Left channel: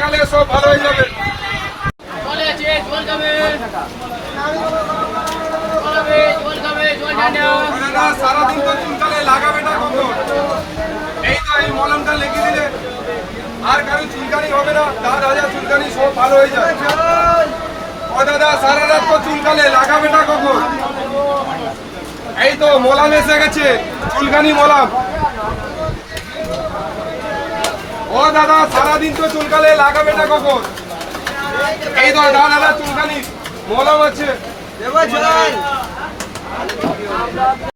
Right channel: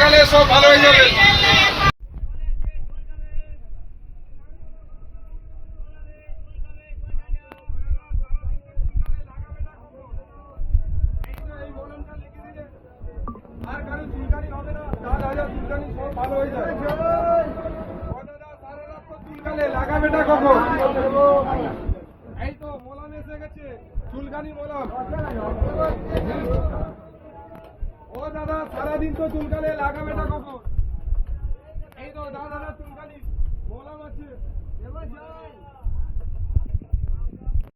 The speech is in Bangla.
লাগালে সব ভালো হয়ে যাবে সারাদিন তো চুলকালে লাগাবে না এই তো এই মলমটা লেগে আর কারও চুলকানি হবে না দাদা দাদা চুলকানি সব ভালো হয়ে যায় ও দাদা, সারা তো চুলকালে লাগাবে না এই তো মলাম এসে গেছে, চুলকানি মলাম ও দাদা সারাদিন তো চুলকালে লাগাবে না কখন? এই ধর দাদা চুলকালি। মলাম আছে।